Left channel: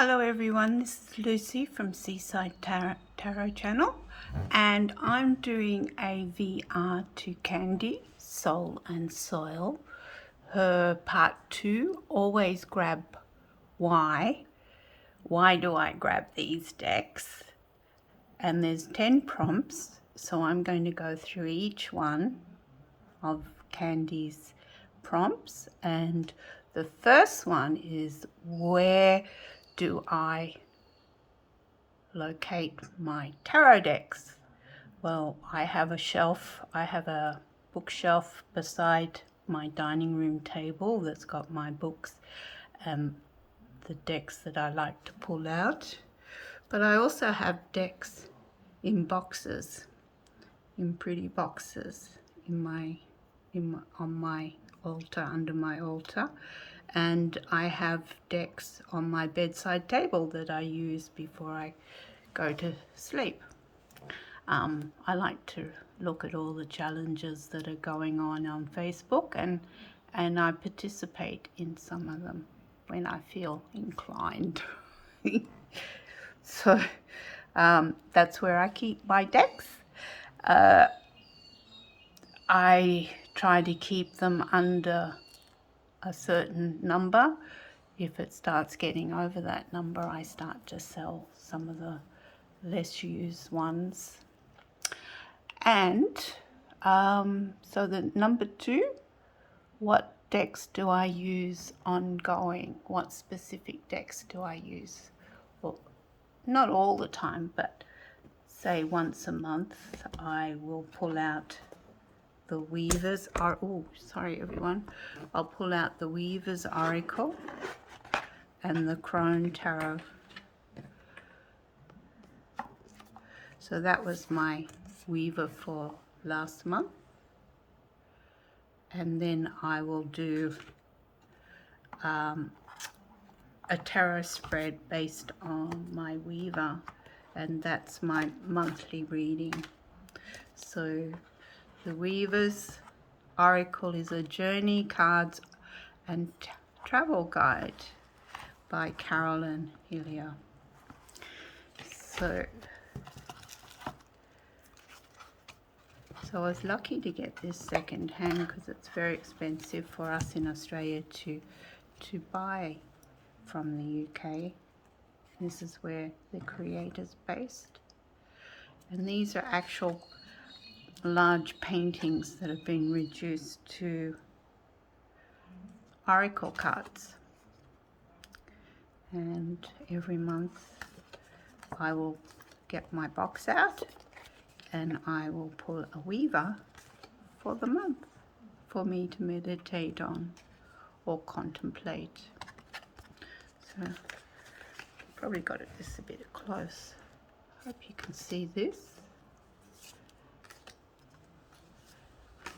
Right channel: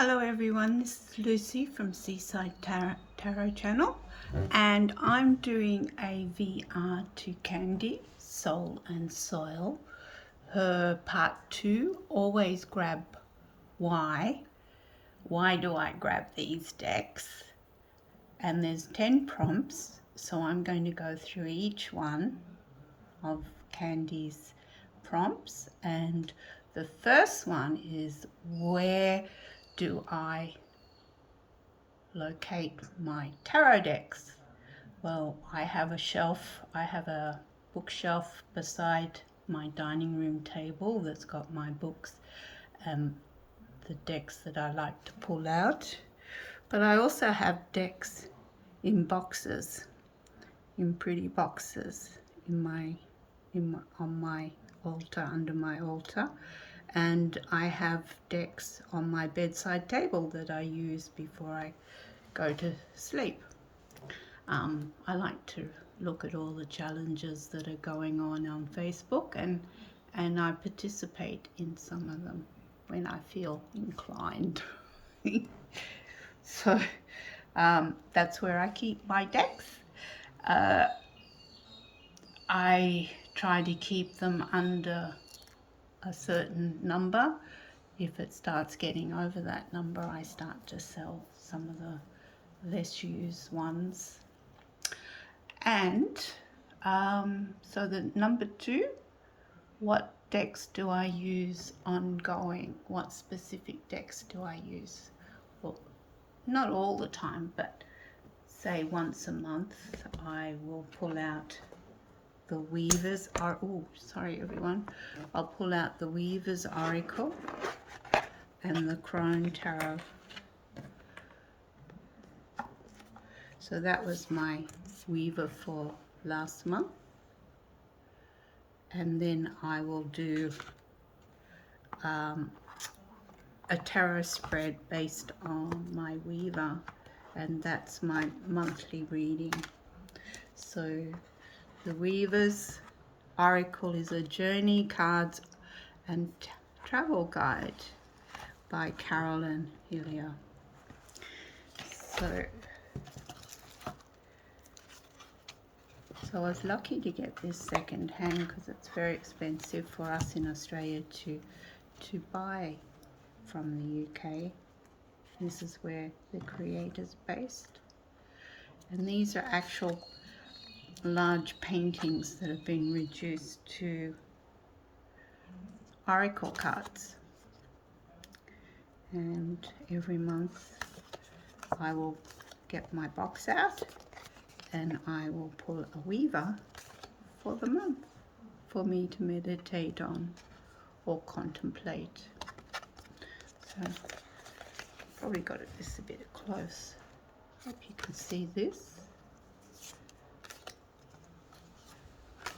Hello everyone, this is Lucy from Seaside Tarot channel, and I'm doing a VR to Candy, Soul and Soil, her part 2, always grab why. Why do I grab these decks? And there's 10 prompts, so I'm going to go through each one of Candy's prompts, and the first one is, where do I locate my tarot decks? Well, I have a bookshelf beside my dining room table that's got my books, the decks that I like to pull out. But I also have decks in boxes, in pretty boxes, on my altar, under my altar. And I have decks on my bedside table that I use before I go to sleep. I like to look at all the challenges that are going on Facebook, and I participate in some of them when I feel inclined. So that's where I keep my decks. I try to keep them under a certain number. If it starts getting over that number, I start to sell some of the less used ones. And so the number 2, what decks do I use ongoing? What specific decks do I use? Well, not all the time, but say once a month I will pull out the Weaver's I'll pull out the Weaver's Oracle and the Crone Tarot. So that was my Weaver for last month. And then I will do a tarot spread based on my Weaver, and that's my monthly reading. So the Weaver's Oracle is a journey, cards and travel guide by Carolyn Hillier. So I was lucky to get this second hand because it's very expensive for us in Australia to buy from the UK. This is where the creator's based. And these are actual large paintings that have been reduced to oracle cards. And every month I will get my box out and I will pull a Weaver for the month for me to meditate on or contemplate. So probably got this a bit close. Hope you can see this.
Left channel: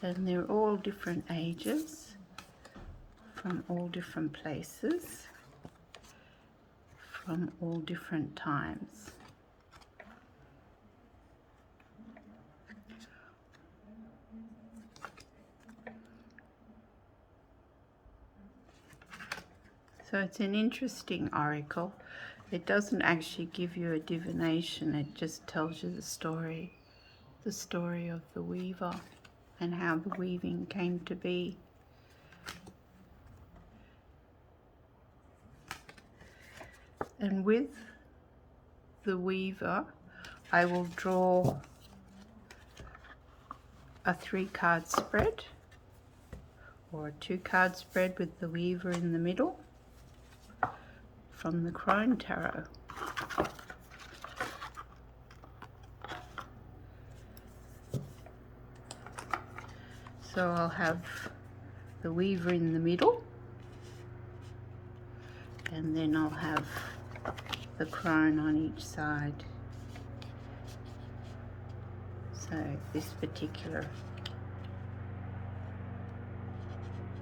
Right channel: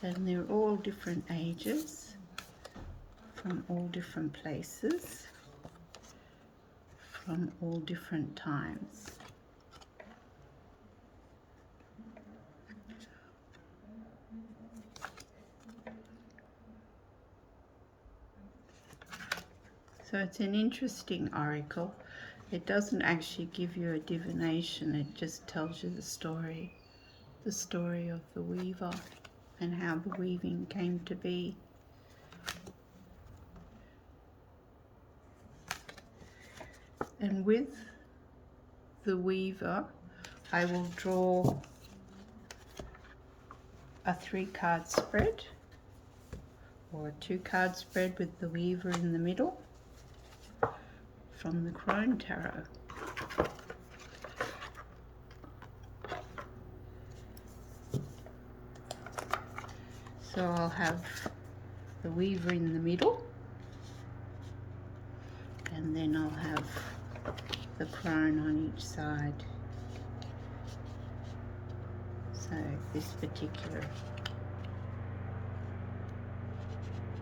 And they're all different ages, from all different places, from all different times. So it's an interesting oracle. It doesn't actually give you a divination, it just tells you the story of the Weaver and how the weaving came to be. And with the Weaver, I will draw a 3-card spread or a 2-card spread with the Weaver in the middle from the Crone Tarot. So I'll have the Weaver in the middle, and then I'll have the Crone on each side. So this particular,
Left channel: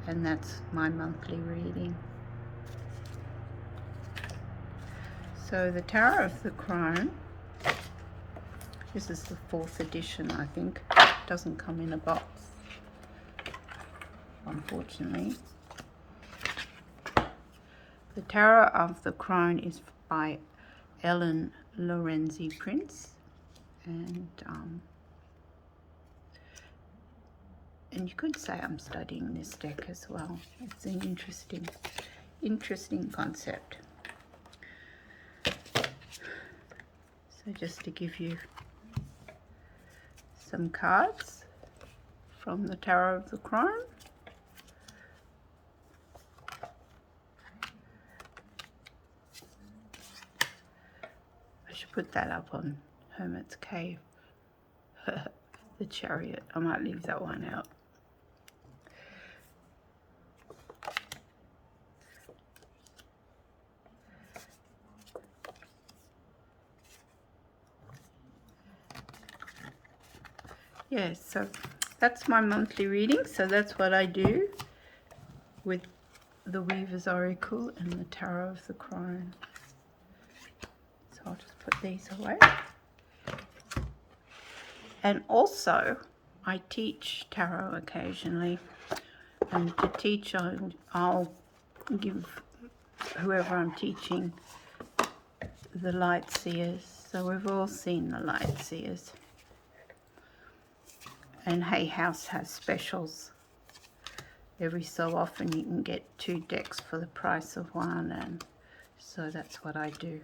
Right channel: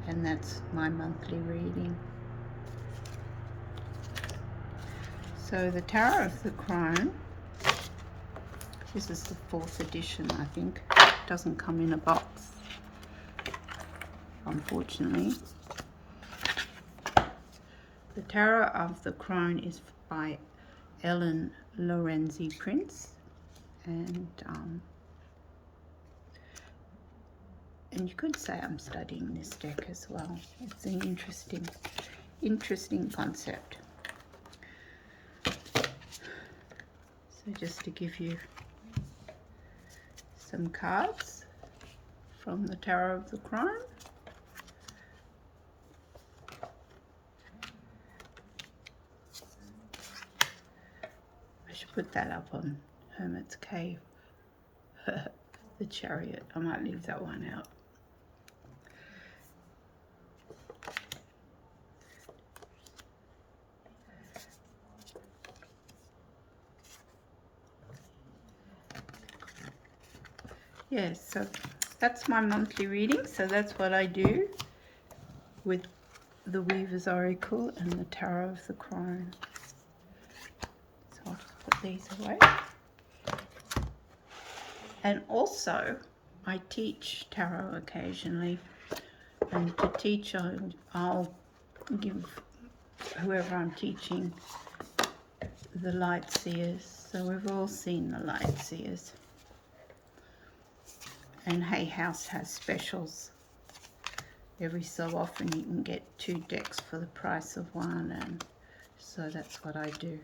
and that's my monthly reading. So the Tarot of the Crone, this is the 4th edition, I think. It doesn't come in a box, unfortunately. The Tarot of the Crone is by Ellen Lorenzi Prince, and you could say I'm studying this deck as well. It's an interesting concept. So just to give you some cards from the Tarot of the Crone. I should put that up on Hermit's Cave. The Chariot. I might leave that one out. Yes, so that's my monthly reading. So that's what I do with the Weaver's Oracle and the Tarot of the Crone. So I'll just put these away. And also, I teach tarot occasionally. And to teach, I'll give whoever I'm teaching the Light Seers. So we've all seen the Light Seers. And Hay House has specials. Every so often you can get 2 decks for the price of 1, and so that's what I do.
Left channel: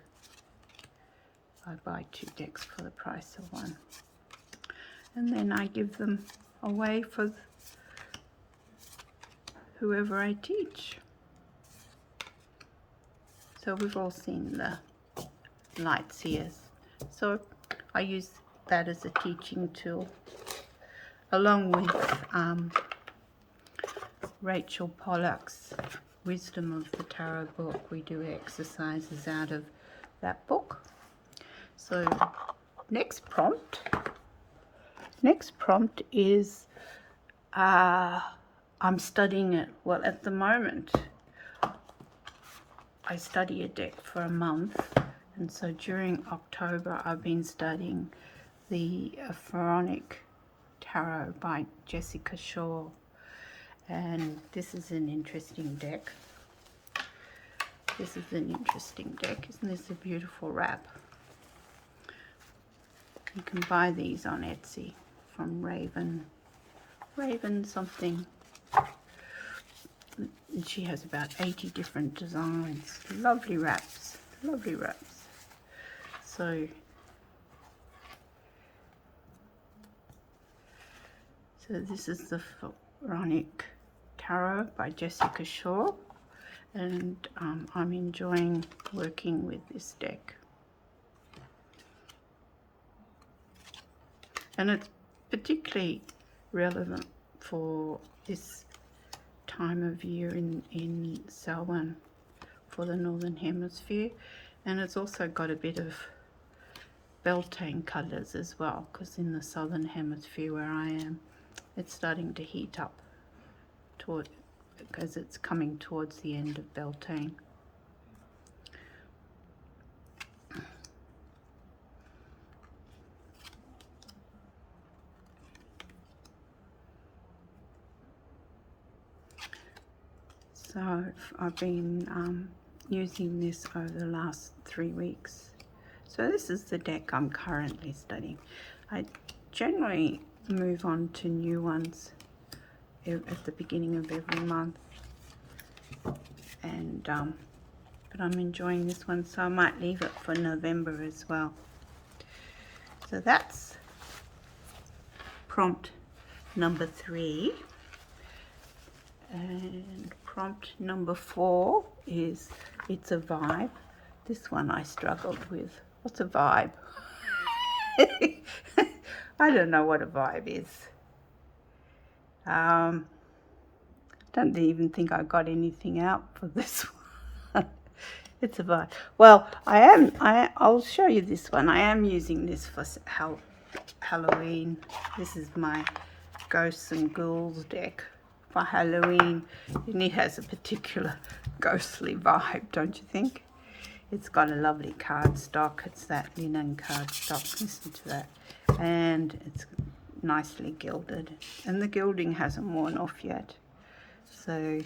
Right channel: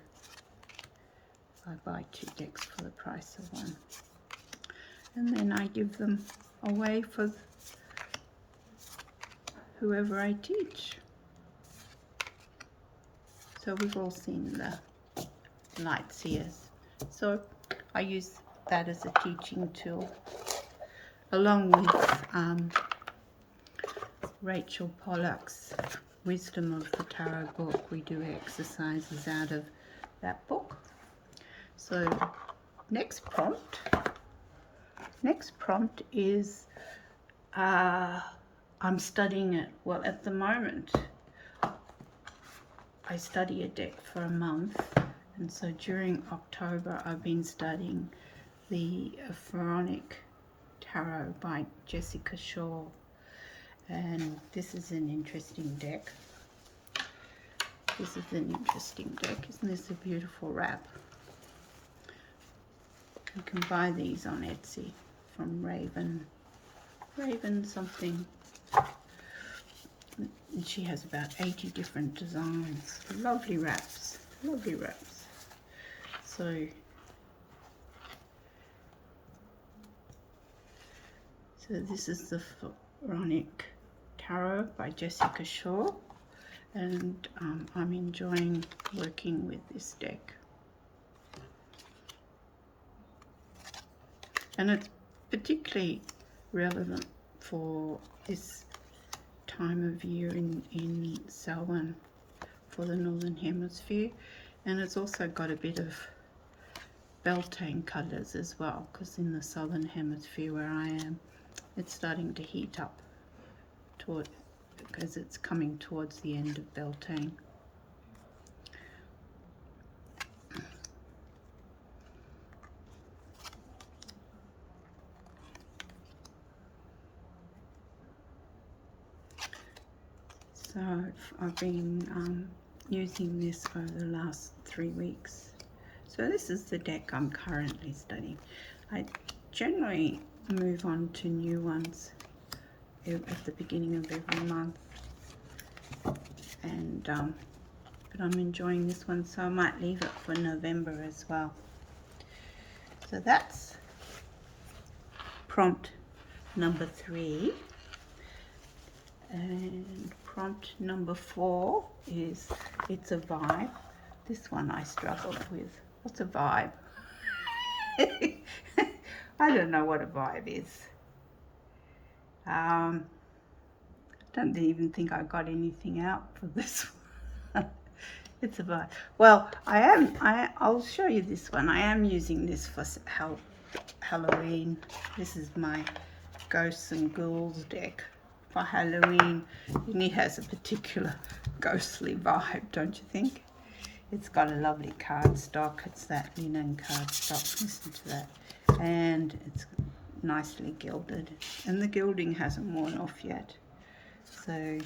I buy 2 decks for the price of 1. And then I give them away for whoever I teach. So we've all seen the Light Seers. So I use that as a teaching tool. Along with Rachel Pollack's Wisdom of the Tarot book, we do exercises out of that book. So next prompt is I'm studying it. Well, at the moment I study a deck for a month, and so during October I've been studying the Pharaonic Tarot by Jessica Shaw, and this is an interesting deck. Isn't this a beautiful wrap? You can buy these on Etsy from Raven something. And she has about 80 different designs. Lovely wraps. So this is the Pharaonic Tarot by Jessica Shaw, and I'm enjoying working with this deck. And it's particularly relevant for this time of year in Samhain for the Northern Hemisphere, and it's also got a bit of Beltane colours as well, because in the Southern Hemisphere where I am, it's starting to heat up because it's coming towards the end of Beltane. So I've been using this over the last 3 weeks. So this is the deck I'm currently studying. I generally move on to new ones at the beginning of every month, and but I'm enjoying this one, so I might leave it for November as well. So that's prompt number 3, and prompt number 4 is It's a Vibe. This one I struggled with. What's a vibe? I don't know what a vibe is. Don't even think I got anything out for this one. It's a vibe. Well, I'll show you this one. I am using this for Halloween. This is my Ghosts and Ghouls deck for Halloween, and it has a particular ghostly vibe, don't you think? It's got a lovely cardstock. It's that linen cardstock. Listen to that. And it's nicely gilded. And the gilding hasn't worn off yet. So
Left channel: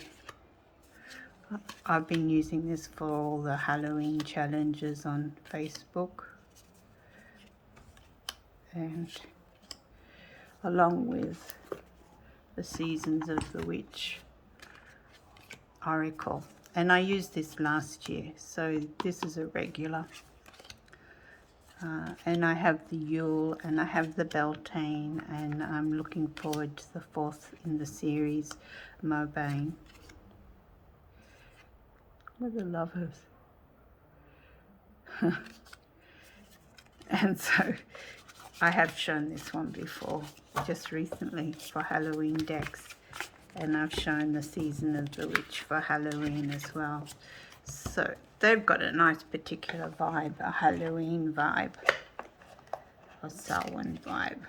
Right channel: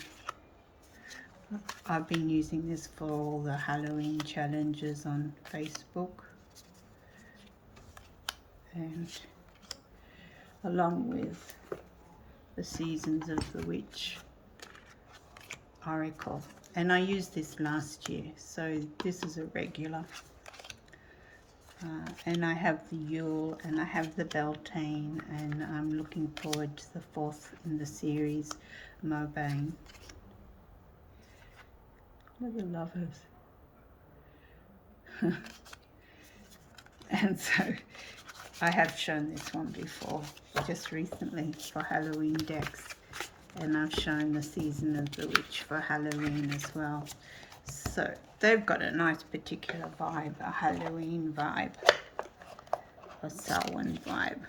I've been using this for all the Halloween challenges on Facebook, and along with the Seasons of the Witch Oracle. And I used this last year, so this is a regular. And I have the Yule and I have the Beltane, and I'm looking forward to the 4th in the series, Mobane. We're the lovers. And so I have shown this one before, just recently for Halloween decks. And I've shown the Season of the Witch for Halloween as well. So they've got a nice particular vibe, a Halloween vibe, a Samhain vibe.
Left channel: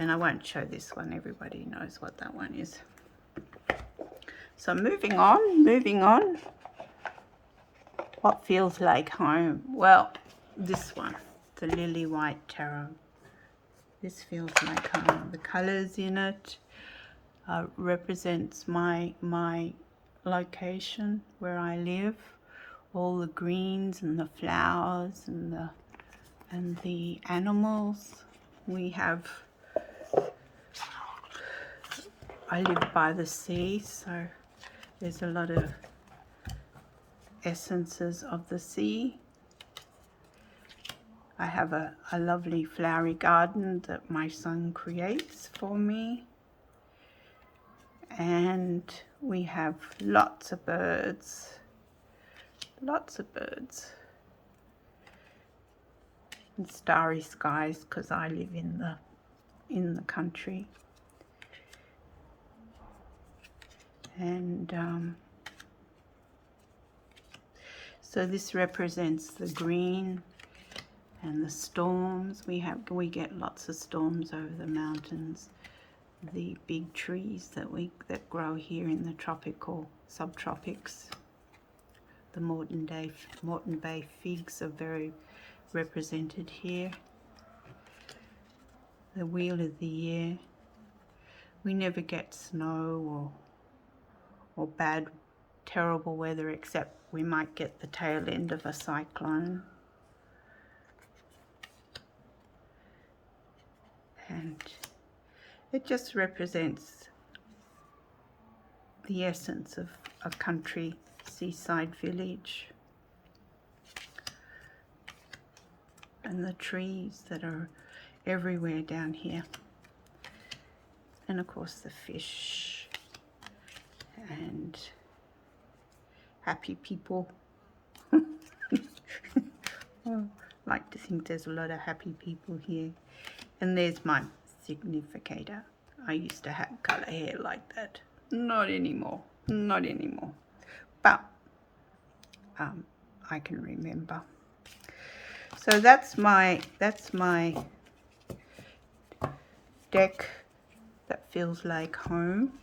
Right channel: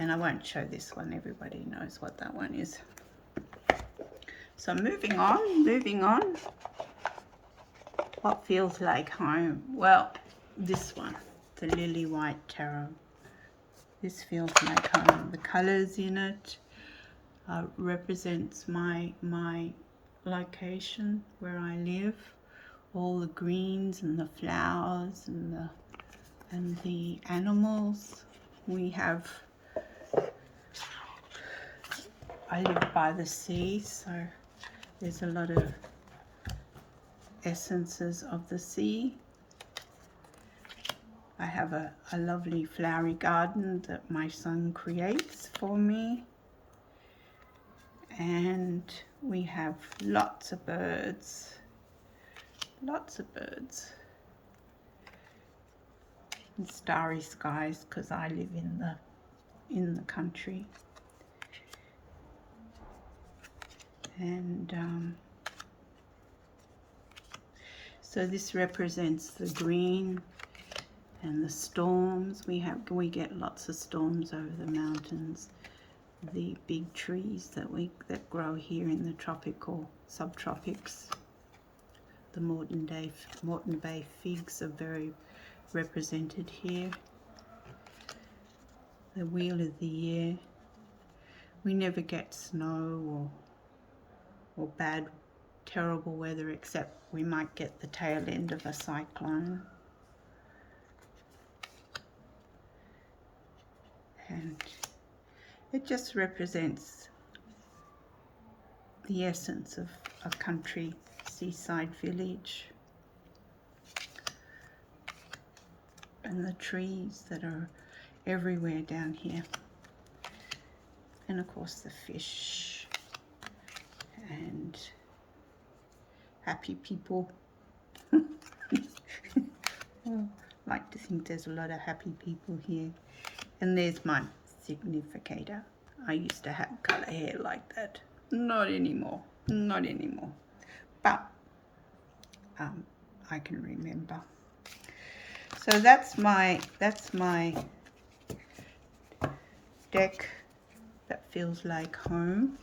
And I won't show this one, everybody knows what that one is. So moving on. What feels like home? Well, this one, the Lily White Tarot. This feels like home. The colours in it represents my location where I live. All the greens and the flowers and the animals. I live by the sea, so there's a lot of essences of the sea. I have a lovely flowery garden that my son creates for me. And we have lots of birds. And starry skies, because I live in the country. And so this represents the green and the storms. We get lots of storms over the mountains. The big trees that grow here in the tropical subtropics. The Moreton Bay figs are very represented here. The Wheel of the Year. We never get snow or bad, terrible weather, except we might get the tail end of a cyclone. And it just represents the essence of a country seaside village. And the trees that are everywhere down here. And of course the fish and happy people. I like to think there's a lot of happy people here. And there's my significator. I used to have colour hair like that. Not anymore. But I can remember. So that's my deck that feels like home.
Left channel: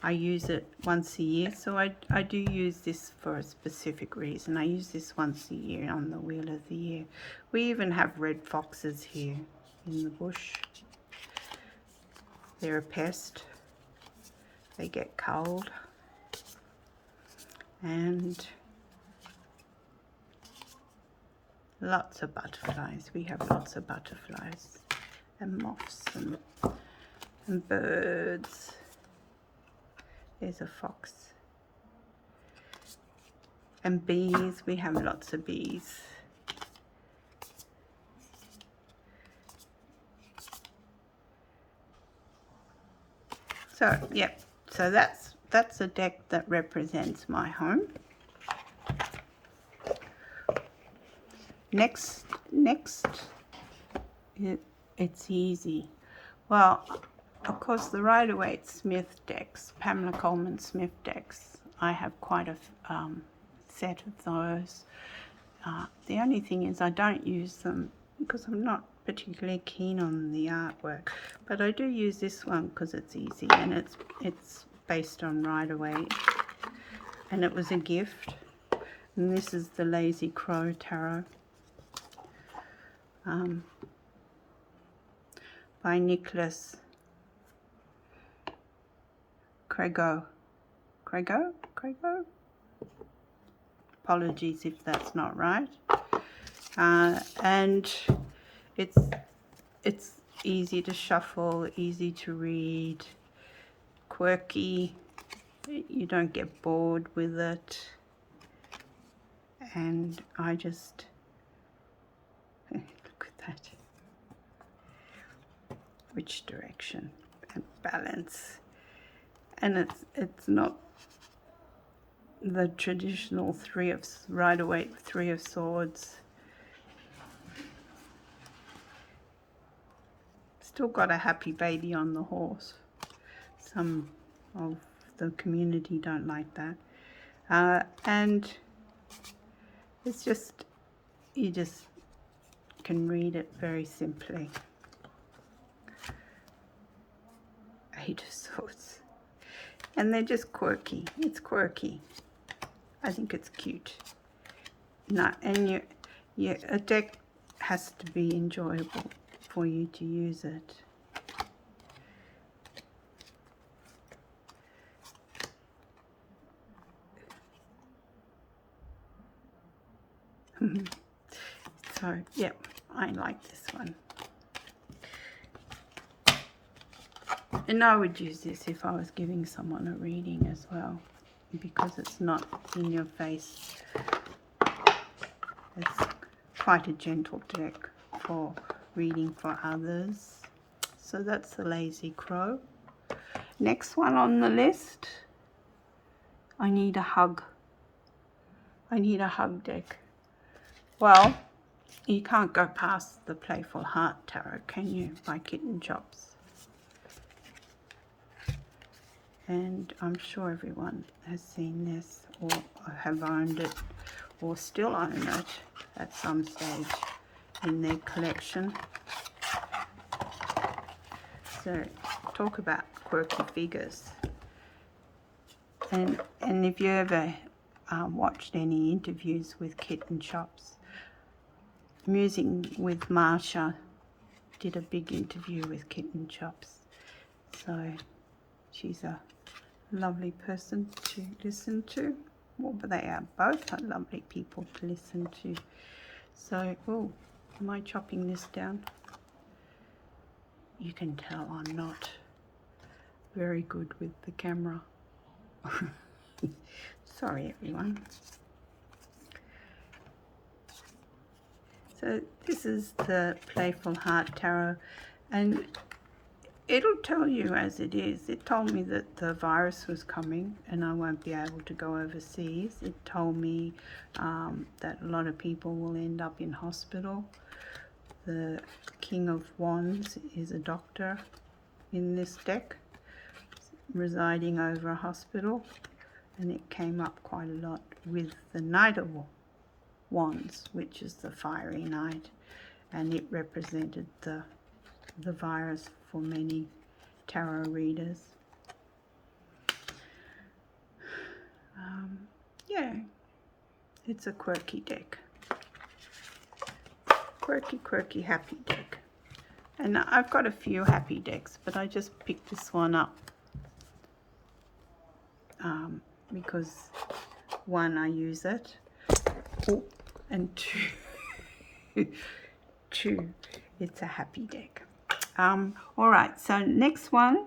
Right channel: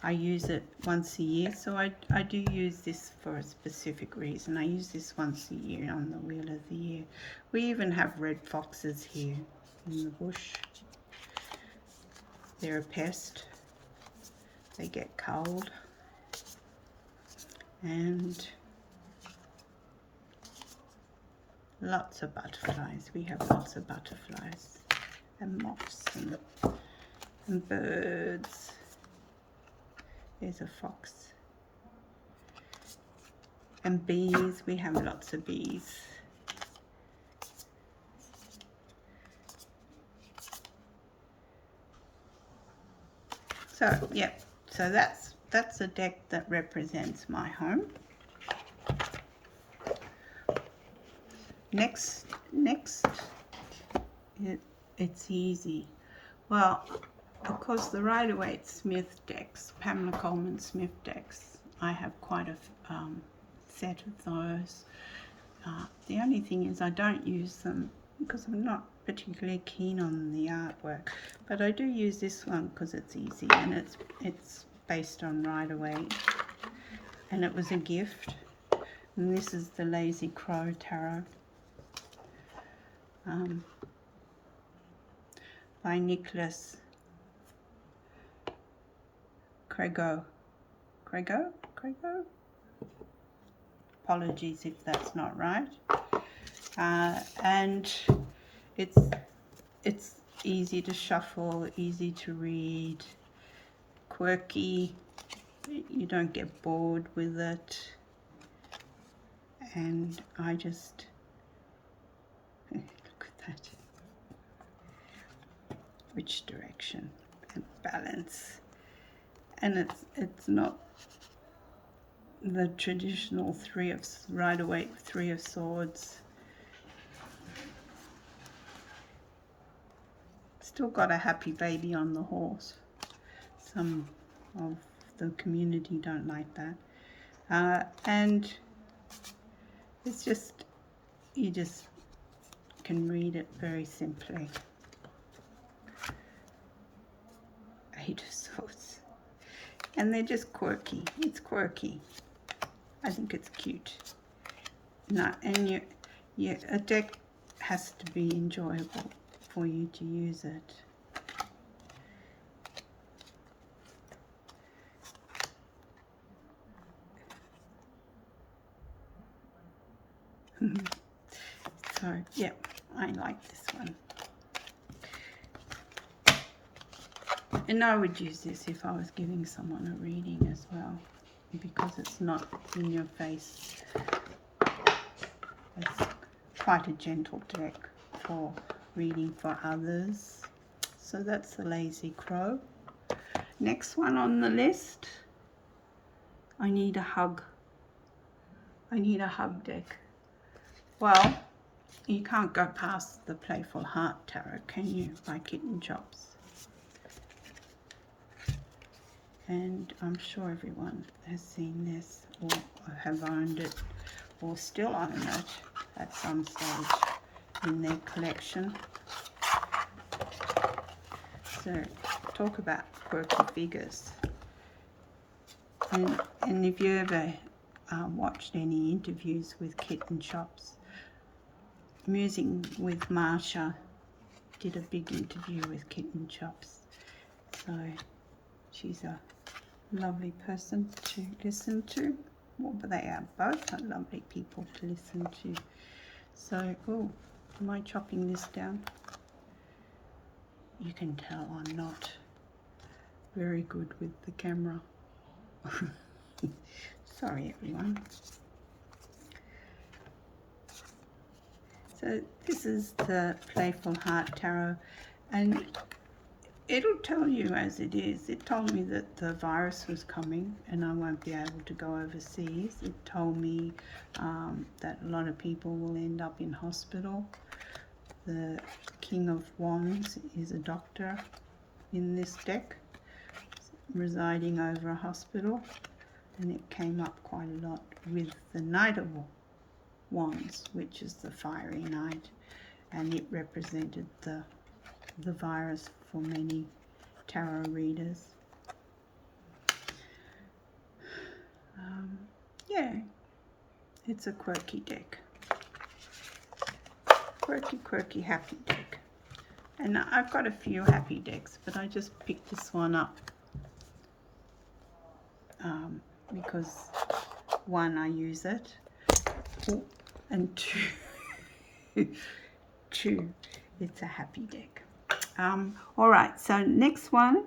I use it once a year, so I do use this for a specific reason. I use this once a year on the Wheel of the Year. We even have red foxes here in the bush. They're a pest. They get cold. And lots of butterflies. We have lots of butterflies and moths and birds. There's a fox. And bees. We have lots of bees. So, yeah. So that's a deck that represents my home. Next, it's easy. Well, of course, the Rider-Waite Smith decks, Pamela Coleman Smith decks, I have quite a set of those. The only thing is I don't use them because I'm not particularly keen on the artwork, but I do use this one because it's easy and it's based on Rider-Waite, and it was a gift. And this is the Lazy Crow Tarot by Nicholas Crego. Craigo. Apologies if that's not right. And it's easy to shuffle, easy to read, quirky. You don't get bored with it. And I just look at that. Which direction and balance. And it's not the traditional Rider-Waite Three of Swords. Still got a happy baby on the horse. Some of the community don't like that. And it's just, you just can read it very simply. Eight of Swords. And they're just quirky. It's quirky. I think it's cute. No, and a deck has to be enjoyable for you to use it. So, yeah, I like this one. And I would use this if I was giving someone a reading as well, because it's not in your face. It's quite a gentle deck for reading for others. So that's the Lazy Crow. Next one on the list, I need a hug. I need a hug deck. Well, you can't go past the Playful Heart Tarot, can you, by Kitten Chops? And I'm sure everyone has seen this or have owned it or still own it at some stage in their collection. So talk about quirky figures. And if you ever watched any interviews with Kitten Chops, Musing with Marsha did a big interview with Kitten Chops. So she's a lovely person to listen to. Well, but they are both lovely people to listen to. So, oh, am I chopping this down? You can tell I'm not very good with the camera. Sorry, everyone. So this is the Playful Heart Tarot, and it'll tell you as it is. It told me that the virus was coming and I won't be able to go overseas. It told me that a lot of people will end up in hospital. The King of Wands is a doctor in this deck, residing over a hospital, and it came up quite a lot with the Knight of Wands, which is the fiery knight, and it represented the virus for many tarot readers. Yeah, it's a quirky deck. Quirky, happy deck. And I've got a few happy decks, but I just picked this one up because one, I use it, and two, it's a happy deck. All right, so next one,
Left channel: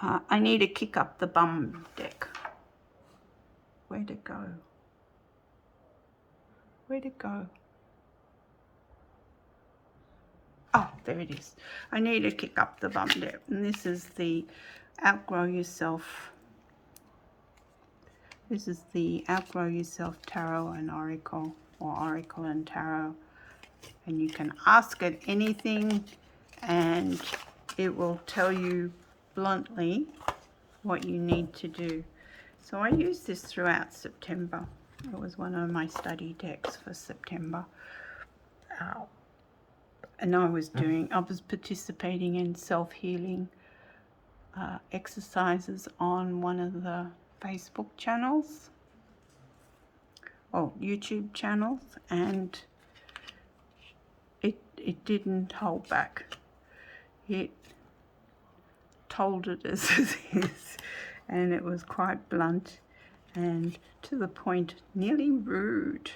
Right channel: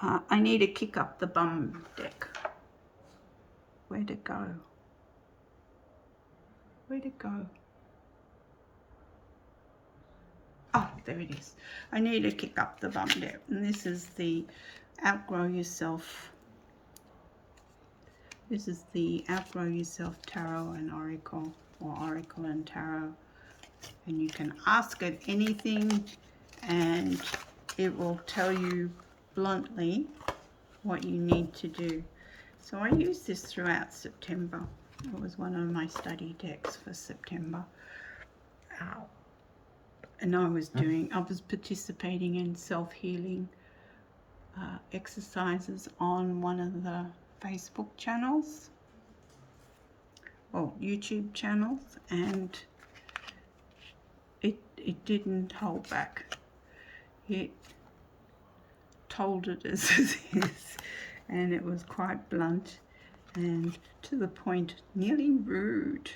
I need to kick up the bum deck. Where'd it go? Where'd it go? Oh, there it is. I need to kick up the bum deck. And this is the Outgrow Yourself. This is the Outgrow Yourself Tarot and Oracle, or Oracle and Tarot. And you can ask it anything, and it will tell you bluntly what you need to do. So I used this throughout September. It was one of my study decks for September. And I was participating in self-healing exercises on one of the Facebook channels, or YouTube channels, and it didn't hold back. It told it as it is. and it was quite blunt and to the point, nearly rude.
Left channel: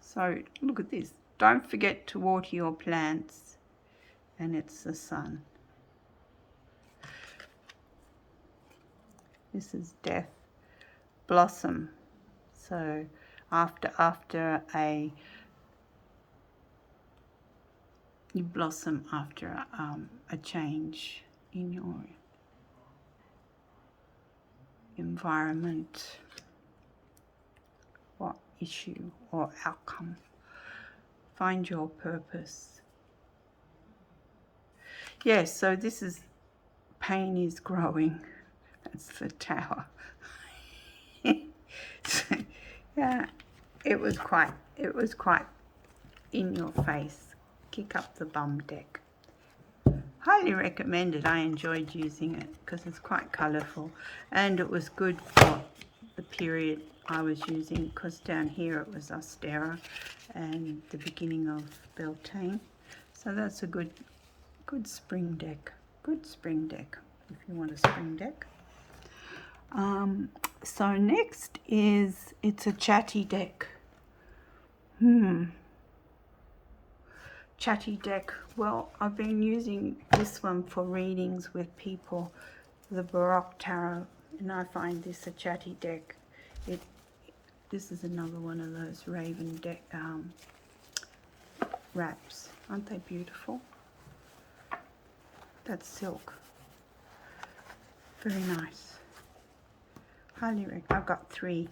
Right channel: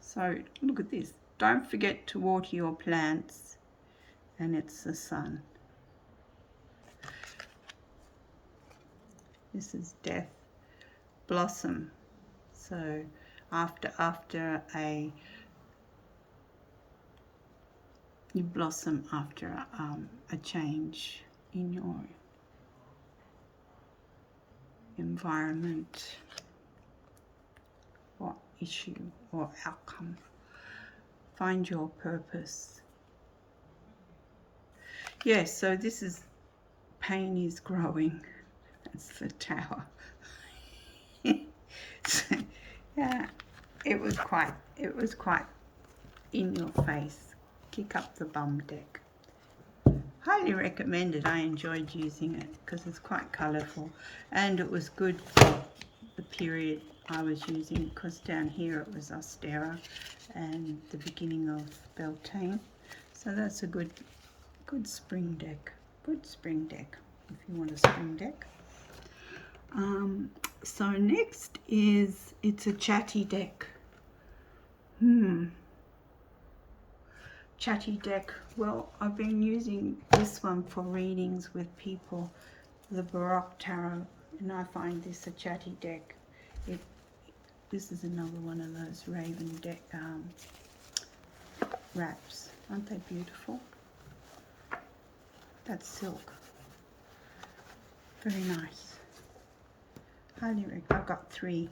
So look at this. Don't forget to water your plants, and it's the sun. This is death, blossom. So after you blossom after a change in your environment or issue or outcome. Find your purpose. Yes, so this is pain is growing. That's the tower. So, yeah, it was quite in your face. Kick up the bum deck. Highly recommended. I enjoyed using it because it's quite colourful, and it was good for the period I was using, because down here it was Ostera and the beginning of Beltane. So that's a good spring deck. Good spring deck if you want a spring deck. So next is, it's a chatty deck. Chatty deck. Well, I've been using this one for readings with people, the Baroque Tarot, and I find this a chatty deck. This is another one of those Raven deck wraps. Aren't they beautiful? That's silk. Very nice. Highly recommend. I've got 3.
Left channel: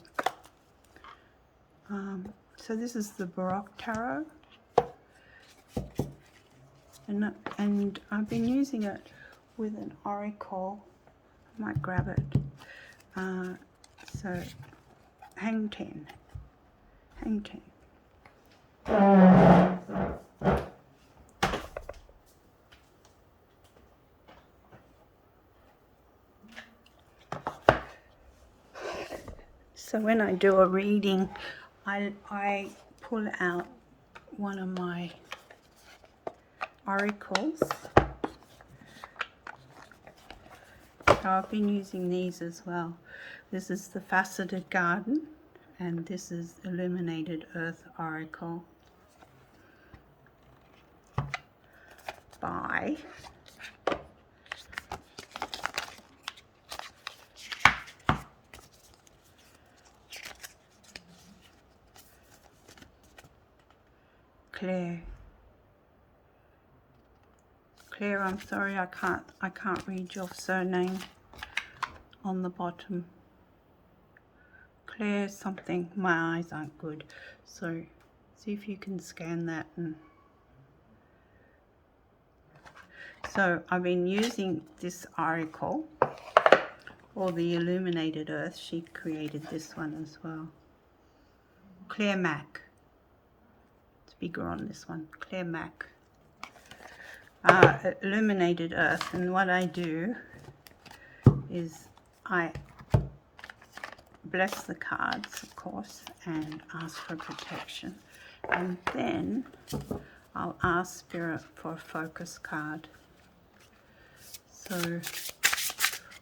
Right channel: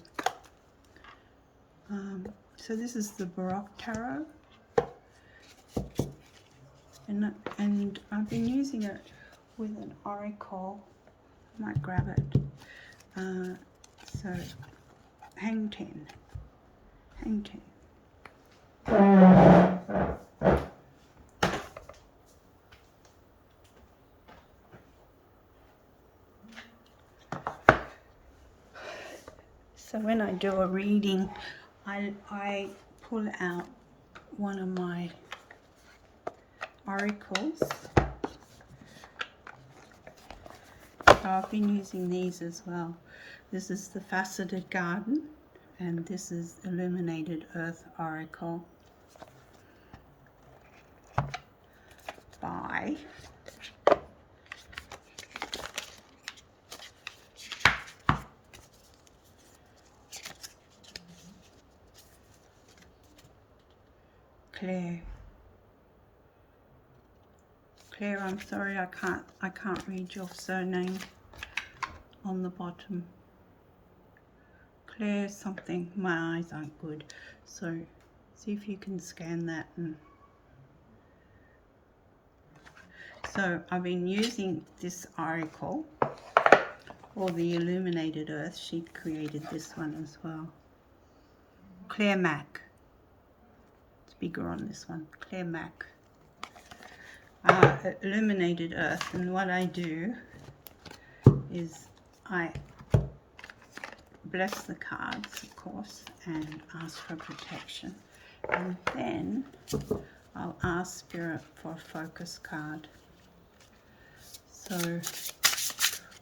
So this is the Baroque Tarot, and I've been using it with an oracle. I might grab it. So hang 10. So when I do a reading, I pull out one of my oracles. So I've been using these as well. This is the Faceted Garden, and this is Illuminated Earth Oracle by Claire. Claire, I'm sorry, I can't read your surname on the bottom. Claire something. My eyes aren't good, so see if you can scan that. And so I've been using this oracle, or the Illuminated Earth. She created this one as well. Claire Mac. It's bigger on this one. Claire Mac. Illuminated Earth. And what I do is I bless the cards, of course, and ask for protection. And then I'll ask Spirit for a focus card. So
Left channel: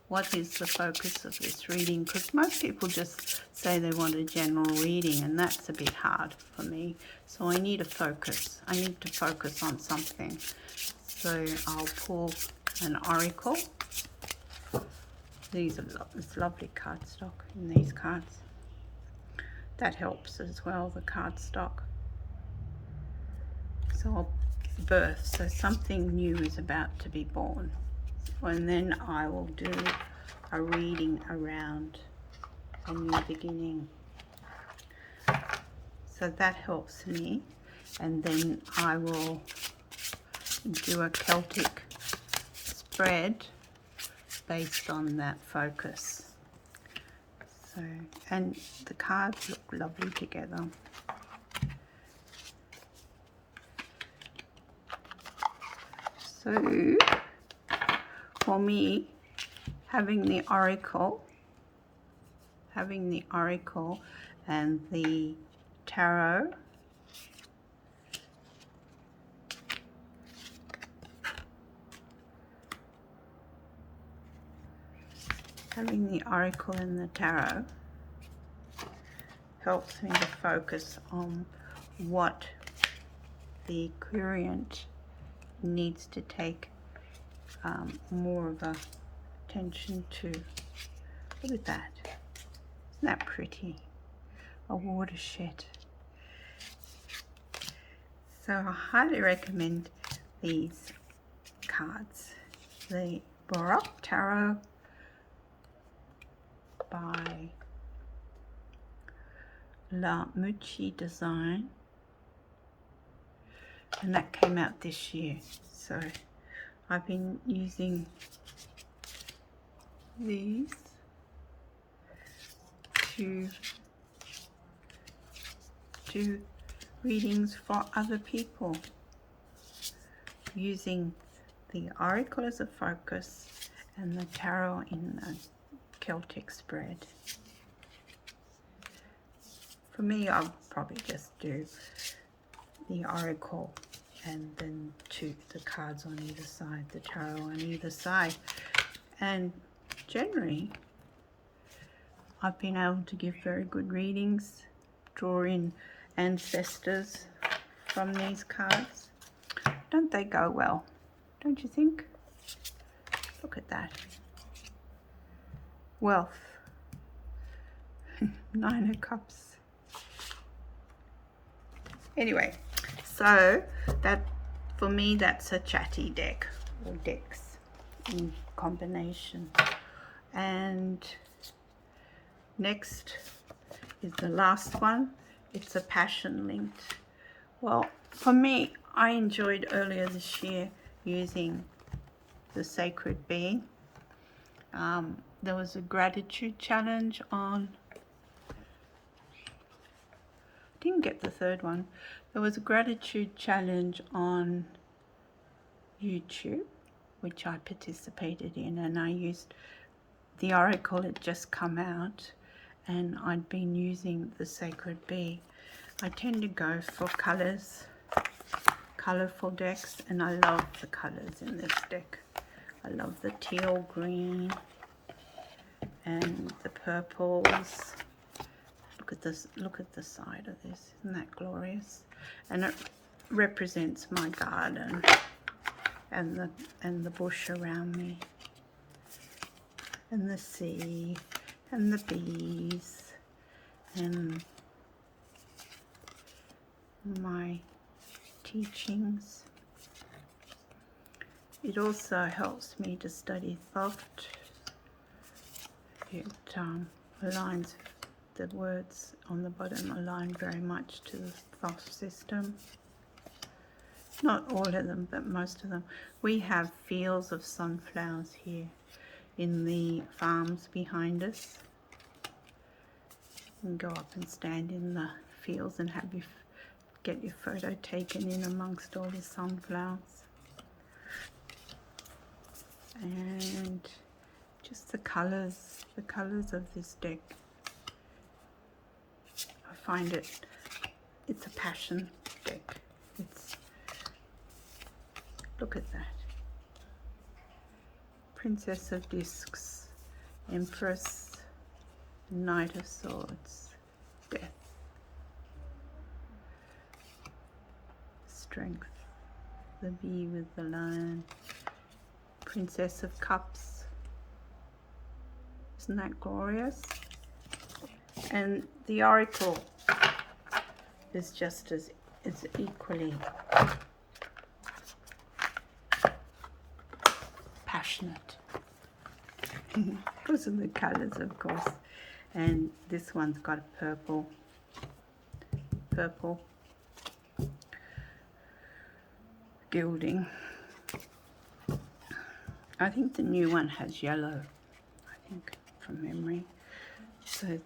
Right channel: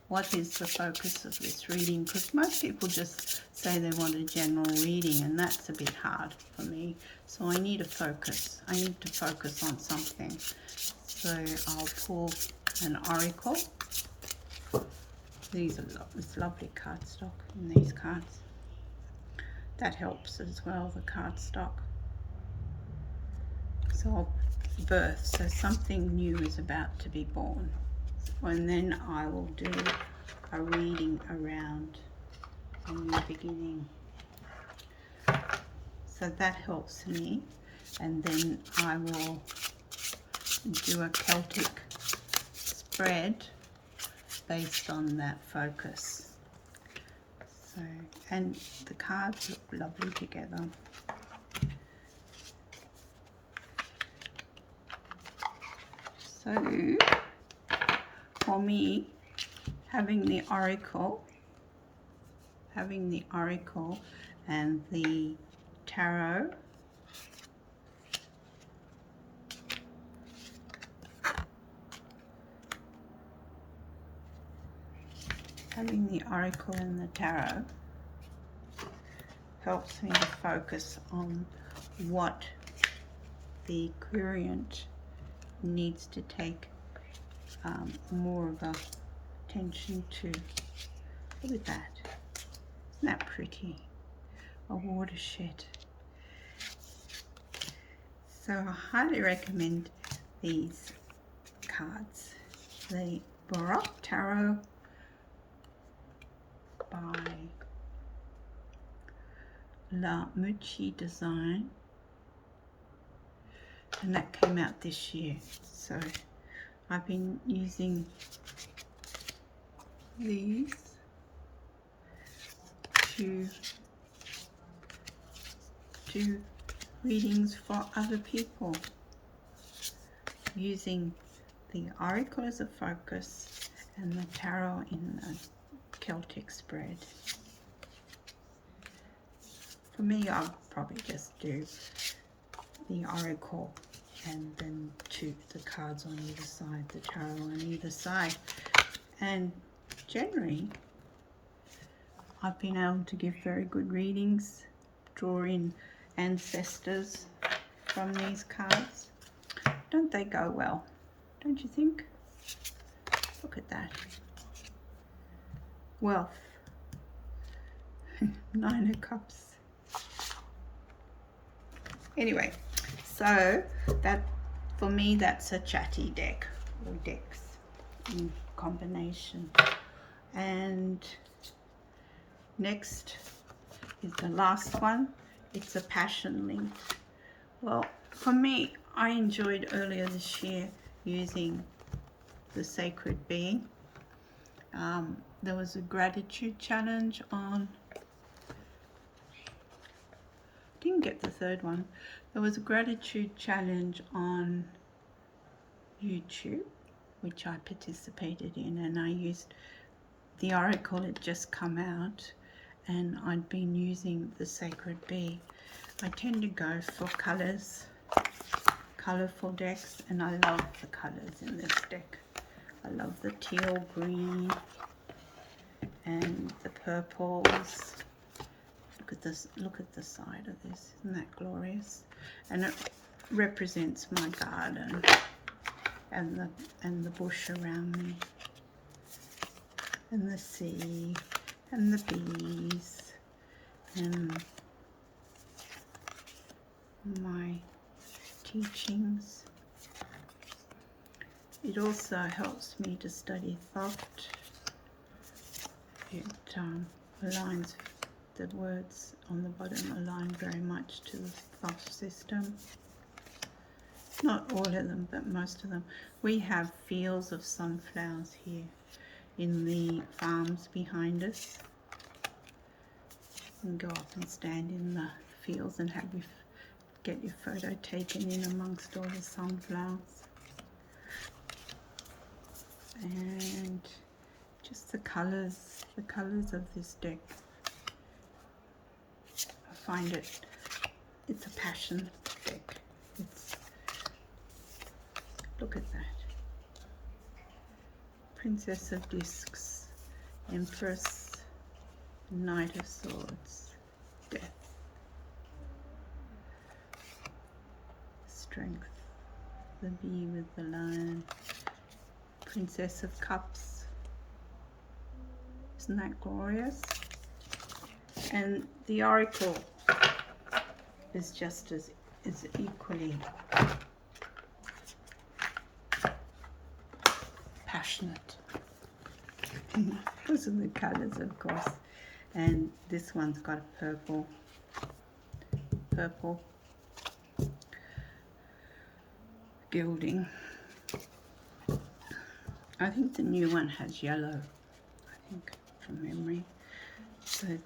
what is the focus of this reading? Because most people just say they want a general reading, and that's a bit hard for me. So I need a focus. I need to focus on something. So I'll pull an oracle. These are it's lovely cardstock in these cards. That helps as well, the cardstock. So I'll birth. So something new is about to be born. And then I will do a reading around a new beginning. So that helps me. And then I will do a Celtic spread based on that focus. So, and the cards look lovely together. So for me, having the oracle and the tarot, having the oracle and the tarot helps me to focus on what the querent needs to take more of a attention to. Look at that. Isn't that pretty? A watershed. So I highly recommend these cards. The Baroque Tarot by La Mucci Design, and that came out this year. So I've been using these to do readings for other people, using the oracle as a focus and the tarot in the Celtic spread. For me, I'll probably just do the oracle and then the cards on either side, the tarot on either side. And generally, I've been able to give very good readings, draw in ancestors from these cards. Don't they go well? Don't you think? Look at that. Wealth. 9 of Cups. Anyway, so that, for me, that's a chatty deck, or decks in combination. And next is the last one. It's a passion linked. Well, for me, I enjoyed earlier this year using the Sacred Bee. There was a gratitude challenge on, didn't get the third one. There was a gratitude challenge on YouTube, which I participated in, and I used the oracle. It just come out, and I'd been using the Sacred Bee. I tend to go for colors, colorful decks, and I love the colors in this deck. I love the teal green and the purples. Look at this, look at the side of this. Isn't that glorious? And it represents my garden and the bush around me, and the sea and the bees and my teachings. It also helps me to study thought. It aligns, the words on the bottom align very much to the thought system. Not all of them, but most of them. We have fields of sunflowers here in the farms behind us. You can go up and stand in the fields and have get your photo taken in amongst all the sunflowers. And just the colours of this deck. I find it's a passion deck. Look at that. Princess of Discs, Empress, Knight of Swords, Death, Strength, the Bee with the Lion, Princess of Cups. Isn't that glorious? And the oracle is just is equally passionate. Because of the colours, of course. And this one's got a purple gilding. I think the new one has yellow, I think, from memory. So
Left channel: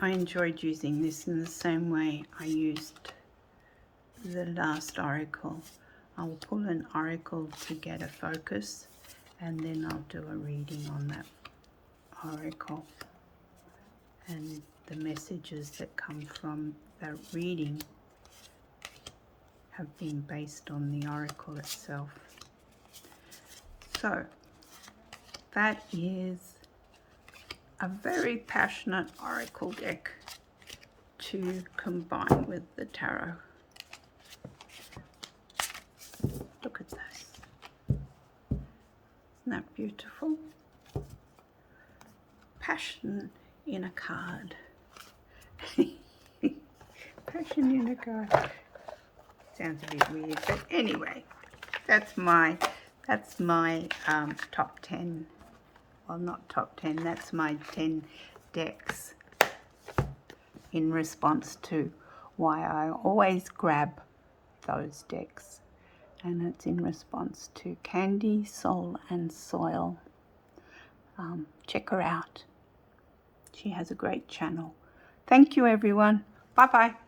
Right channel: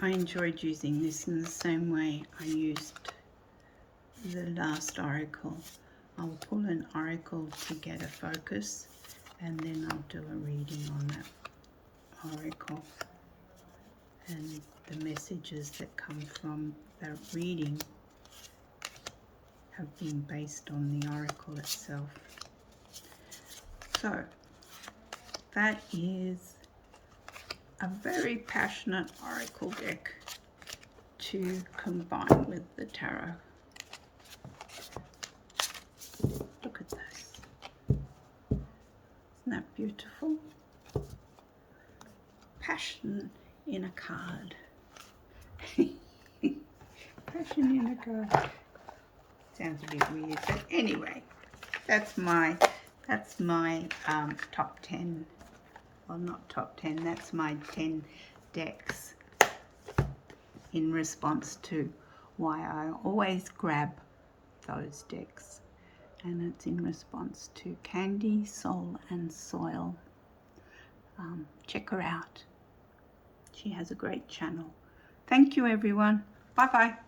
I enjoyed using this in the same way I used the last oracle. I'll pull an oracle to get a focus, and then I'll do a reading on that oracle. And the messages that come from that reading have been based on the oracle itself. So that is a very passionate oracle deck to combine with the tarot. Look at this. Isn't that beautiful? Passion in a card. Passion in a card. Sounds a bit weird, but anyway, that's my top 10. Well, not top 10, that's my 10 decks in response to why I always grab those decks. And it's in response to Candy, Soul and Soil. Check her out. She has a great channel. Thank you, everyone. Bye-bye.